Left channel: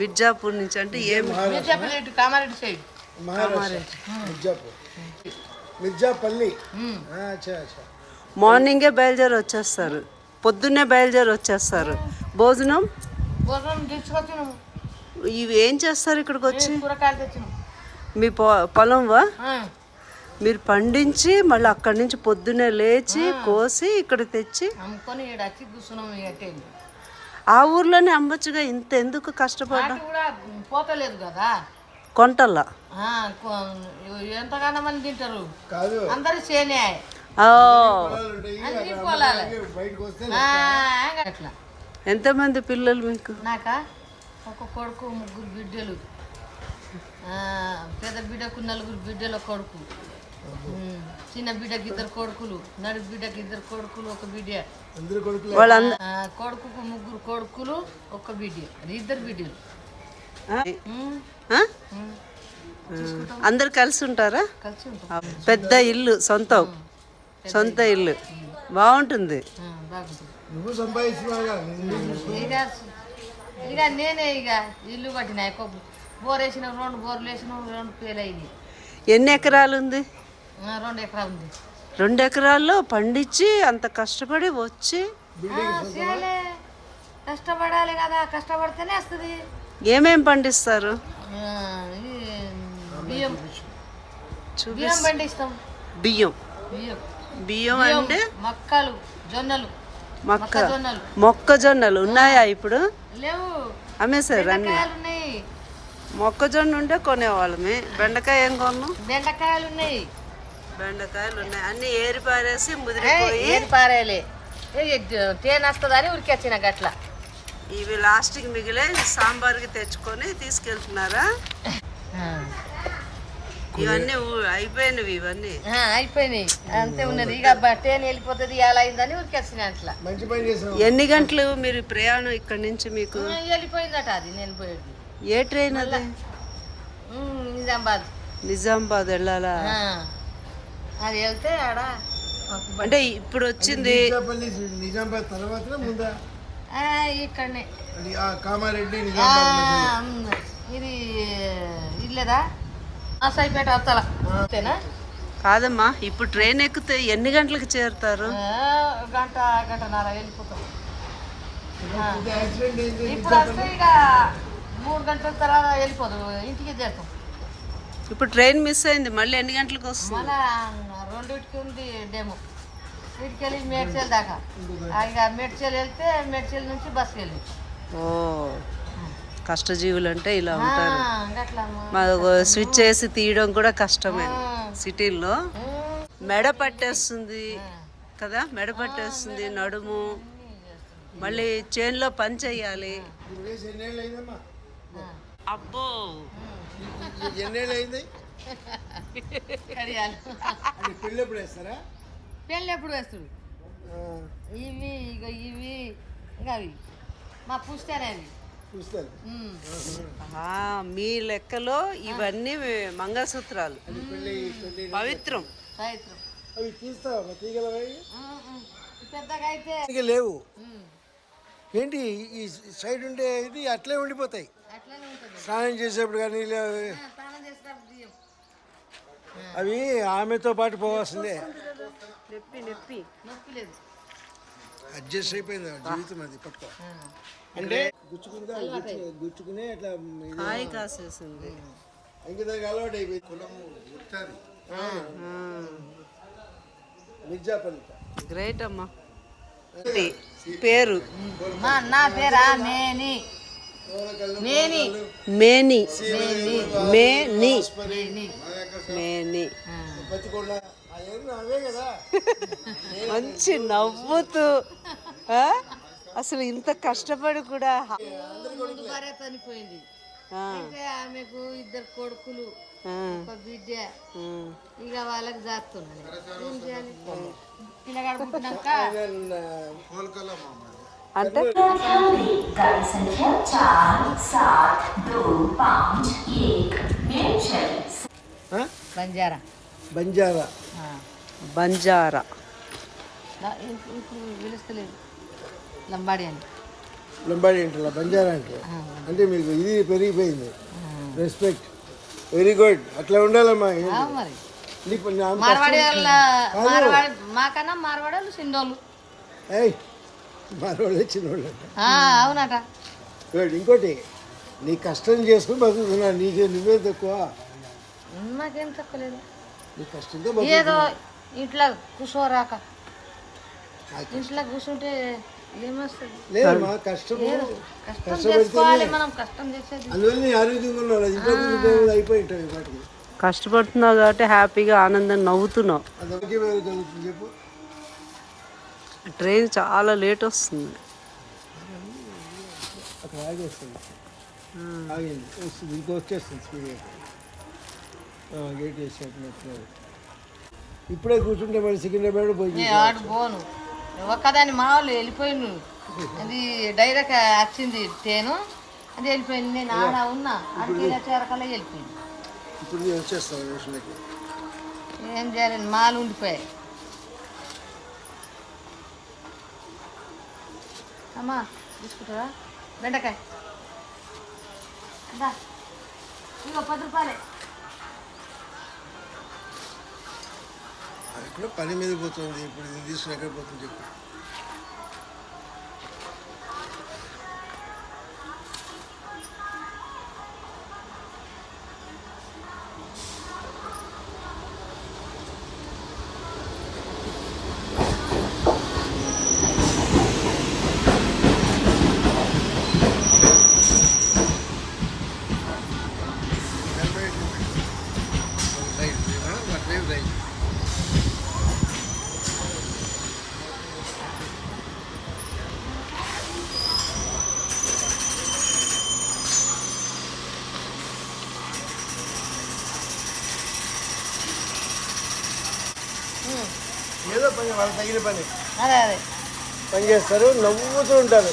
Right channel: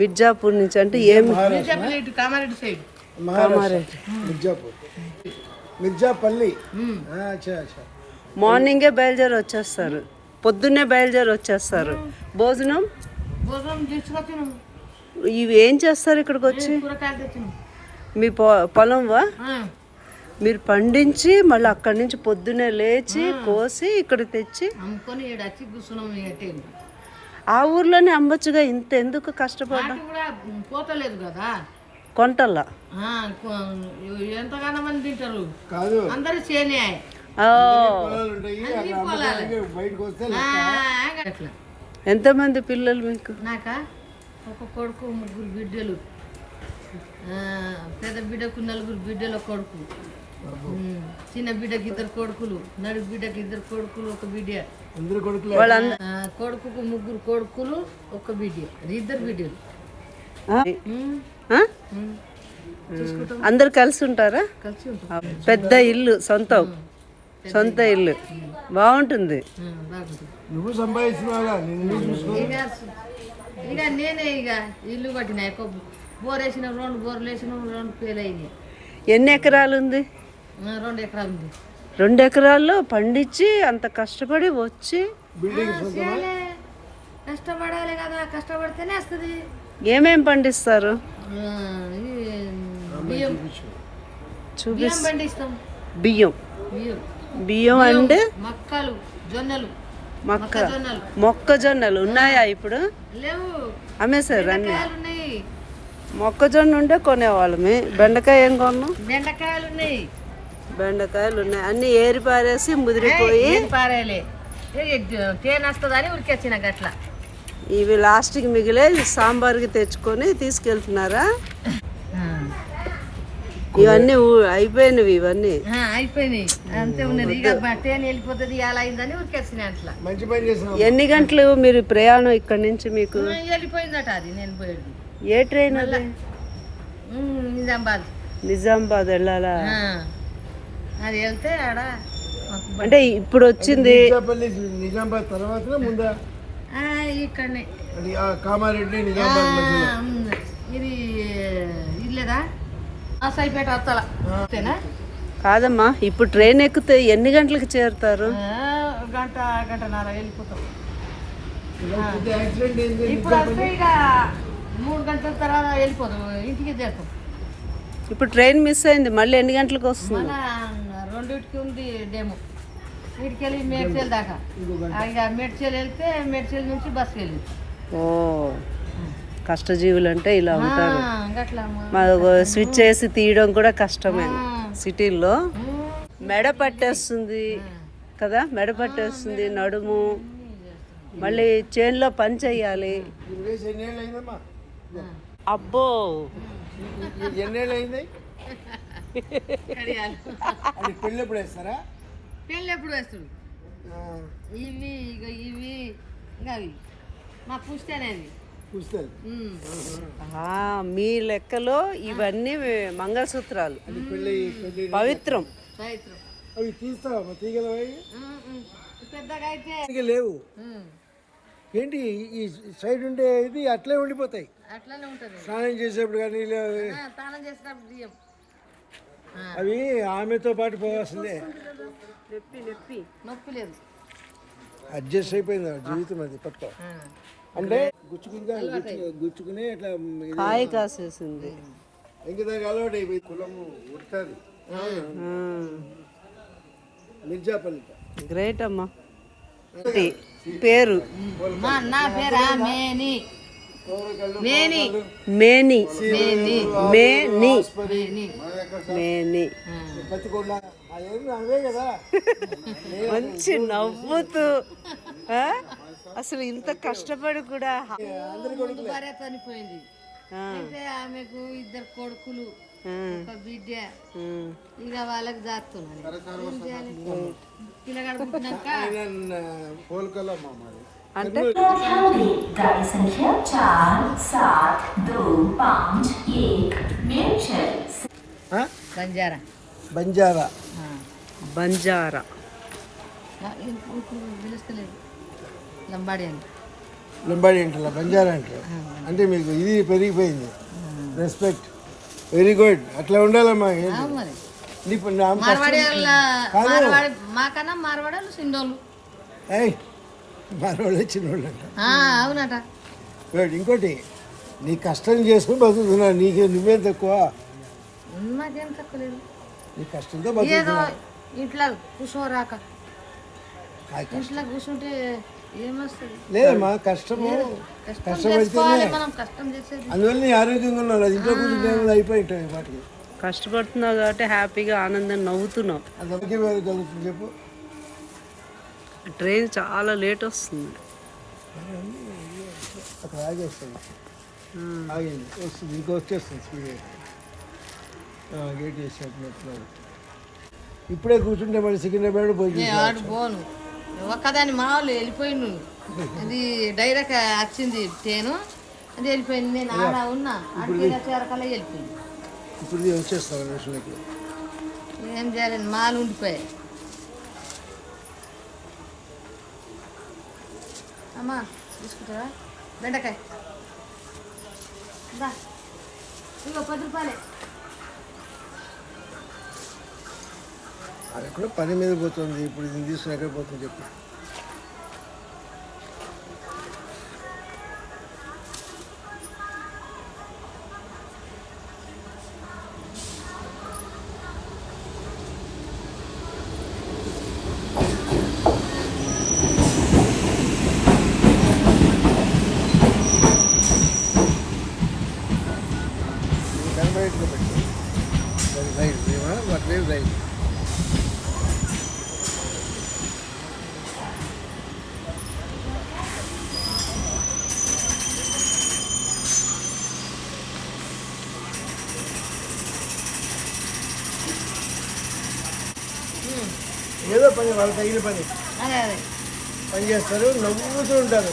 మిర్జాపూర్ నుంచి అంటే ఏమి మార్నింగే బయలుదేరి వచ్చేస్తారు, పొద్దున్నే బయలుదేరి వచ్చేస్తారు. భోజనం ఇవి ఏం చేస్తారు ఇక్కడికి వచ్చి? మీ పొలంవా? మీరు పండించి మళ్ళీ అక్కడి నుంచి పొద్దున్నే లేచి కోసి ఇక్కడ తెచ్చి ఆ ఊర్లోనే అమ్మచ్చుగా. ఇంత ఎందుకు కష్టపడ్డా? పోతలేదు కదా కొంటల్లా ఎంతగానో మంది తింటారు అందరూ చేనే. ఎంతమంది పిల్లలు మీకు? నాకా ఒక కొడుకు, ముగ్గురు బిడ్డలు. పెద్ద బిడ్డకు 4 బిడ్డలు, కొడుకు. చిన్న బిడ్డకి 2 కొడుకులు, నడుగు బిడ్డకి 2 కొడుకులు, ఒక బిడ్డ. కొడుకుకు 3 కొడుకులు, ఒక బిడ్డ, 2 బిడ్డలు. అందరు కలిసి ఉంటారా? పెద్ద ఇల్లు, సొంత ఇల్లు బాగుంటుంది. ఇక నేనే ఇల్లు కట్టినా. బోర్ వేసిన 2 బోర్లు వేసిన 2 ఫెయిల్ అయినాయి. ఎన్ని ఎకరాలు ఉంది? 2 ఎకరాలు ఉంది. 2 ఎకరాల్లో పండించి అంత కష్టపడి వచ్చి కష్టపడాలి కదా, కష్టపడితేనే వస్తుంది. ఏమేం పండిస్తారు? పండిస్తాం. బియ్యం అంటే మక్కలు, జొన్నలు. మొక్కజొన్నలు ఉన్నాయా ఇప్పుడు? లేవు, అమ్మేశారు అన్ని. మొక్కజొన్న ఉంటే కొనేవాళ్ళమే. బెండకాయ ఏం కొన్నాం? బెండకాయలు ఉన్నాయి. అన్ని ఏరి పారేసి ముదిరిపోయి ఇవి లాస్ట్కి మిగిలే సాంబార్కి తెచ్చుకొని తీసుకెళ్తున్నారా? ఇవన్నీ అయిపోయినవి. ఇవన్నీ అయిపోయినాయి, అంతే ఉన్నది. ఇక ట్రైన్ వెళ్ళిపోతుంది, అలా అయిందని ఉరికేసిన. అట్లా ఎన్ని గంటలు మీరు ప్రయాణం ఇక్కడ నుంచి? మీకు వెళ్ళిపోయిందట అది. నేను పోయేది ఏ ట్రైన్ అది? నిజామాబాద్ వెళ్ళాలా? అది వెళ్తే ఆడ అంటే ఇప్పుడు వచ్చింది నిజామాబాద్ తర్వాత ముందా? ఇక్కడనే కామారెడ్డి ఇది ఇల్లేదా సైపేట వస్తలా కాదమ్మా. ఇప్పుడు ట్రైన్ ఎక్కితే ఎన్ని గంటలకు చేరుతారు? గంటన్నర వెళ్ళిపోతాం. ఇప్పుడు వస్తే ఇక 3 గంటల తర్వాత వెళ్ళిపోతాం, ఇంటికి చేరుతాం. ఇప్పుడు ట్రైన్ మిస్ అయింది, మళ్ళీ ఎన్ని గంటలకు వస్తుంది? 2కి ఉంది డేమో. వీటికి వెళ్ళి మేడ్చల్ దాకా. ఇక మేడ్చల్ వెళ్తే మేడ్చల్ నుంచి బస్కి వెళ్ళి. ఓ, కష్టజీవులు అంటే ఇలా ఉంటారు. స్విచ్ చేసి తీయడం కూడా కష్టమే సిటీల్లో. మెడ పట్టేస్తుంది కదా, మెడ పట్టేస్తుంది, నడుము. మళ్ళీ చేన్లో పని చెయ్యాలి. అబ్బో, పెళ్ళి ఎప్పుడు వేస్తాడు? ఇవి ఇంకా అవి మా పుస్తేనేవి. మీ లెక్కలో ఇవన్నీ మంగళసూత్రాలు, పవిత్రం. పెద్దగా అయితే లేవు ఏంటి, ఈ సైడ్ ఉండే ఇది అట్లే ఉండిపోతాయి. అట్లానే ఉంటుంది. స్నానం చేసేప్పుడు కానీ స్నానం చేసేటప్పుడు అవి ఆమెతో పాటు పోవాల్సిందే. నొప్పి లేదు, అడ్జస్ట్ అయిపోయింది జీవితం. అది పట్టుకో అంటే గుచ్చుకుని అట్లా కాయ కాసేసింది. ఇంకదాకా అలవాటు అయిపోయింది. కులం ఉడుతుంది. మిర్జాపల్లి. గ్రేట్ అమ్మా. పేరు? నా పేరా మేని. మేని మేని మేని మేని మేని. మంచి నవ్వుతూ అసలు ఇంత కష్టపడి కూడా. భార్య చనిపోయింది, అయితే ఆమెకు 2 కొడుకులు, ఒక బిడ్డ. ఇక వాళ్ళకి జాతున్నాను. ఏం చేయాలి? పిల్లగాడు పుట్టినాక అంటే गाड़ी संख्या 47251 బంజారా. బంజారా ఇప్పుడు పిలుస్తలేదు, లంబాడి అని. లింబాడి అంటారు, బంజారా అంటారు. అంటే మీకు ఇది పెరిగిపోయింది. Respect, very good. అట్లా ఉండాలమ్మా. మరి ఇప్పుడు మార్వాడి మార్వాడి మాకన్నా మార్వాడలు చిన్నోళ్ళు. మనవాళ్ళే చిన్నవాళ్ళు. అవునట. గుడ్. ఇంకోటి, నీ కష్టం చేసుకుని బతుకుతున్నావు. నువ్వేం తక్కువ? నాకేం తక్కువలేదు. నీ కష్టంతో ఏదో ఇంట్లో కూర్చోరాక, ఇంట్లో కూర్చుంటే ఏమొస్తుంది? లేదమ్మా, కష్టం కష్టం చేసుకోవాలి మనం, కష్టం చేసేది. అందువల్ల నీ ఆరోగ్యంగా ఉన్నావు. ఇంట్లో కూర్చుంటే అయిపోయి ఉంటాయి వాటికి. కష్టపడుతున్నావు కాబట్టి హ్యాపీగా ఆనందం నవ్వుతున్నావు. అది ఆరోగ్యం ఏది కలుగుతుంది చెప్పు? ట్రైన్ చాలా లేట్ వస్తుంది. అక్కడ ఆగేస్తుంది. ఆగింది, వస్తుంది, ఇంకా వచ్చేస్తుంది స్పీడ్గా. గేట్ వేసేటప్పుడు ఇప్పుడే కూర్చుంటే మరి సికింద్రాబాద్ పోయి ఆడు పోను, ఒక్కదాని మా వాళ్ళు వెళ్ళిపోయిండు. అది డైరెక్ట్ వచ్చింది ట్రైను, అది వెళ్ళిపోయింది. నేను ఆడ ఉన్నా, అడిగి చేరకల్లా వెళ్ళిపోయింది. ఇప్పుడు వచ్చేస్తాను విషయానికి. ఏం చేయాలి, మాలు ఉండిపోయాయి. అమ్మా తీసుకుంటావా బెండకాయ? ఇగో 10 రూపాయలే. అది కూడా పని మీద పోతుంది. ఇప్పుడు ఇది తీసుకుని ఎక్కడ పోతుంది చెప్పు? కనబడేట్టుగా పెట్టు. ఒక రైట్ వాటి లేదు రైట్. ఏదో పని, వాళ్ళకి తగిన పని అదే అదే పని చేస్తారు, నవ్వుతూ ఉంటారు.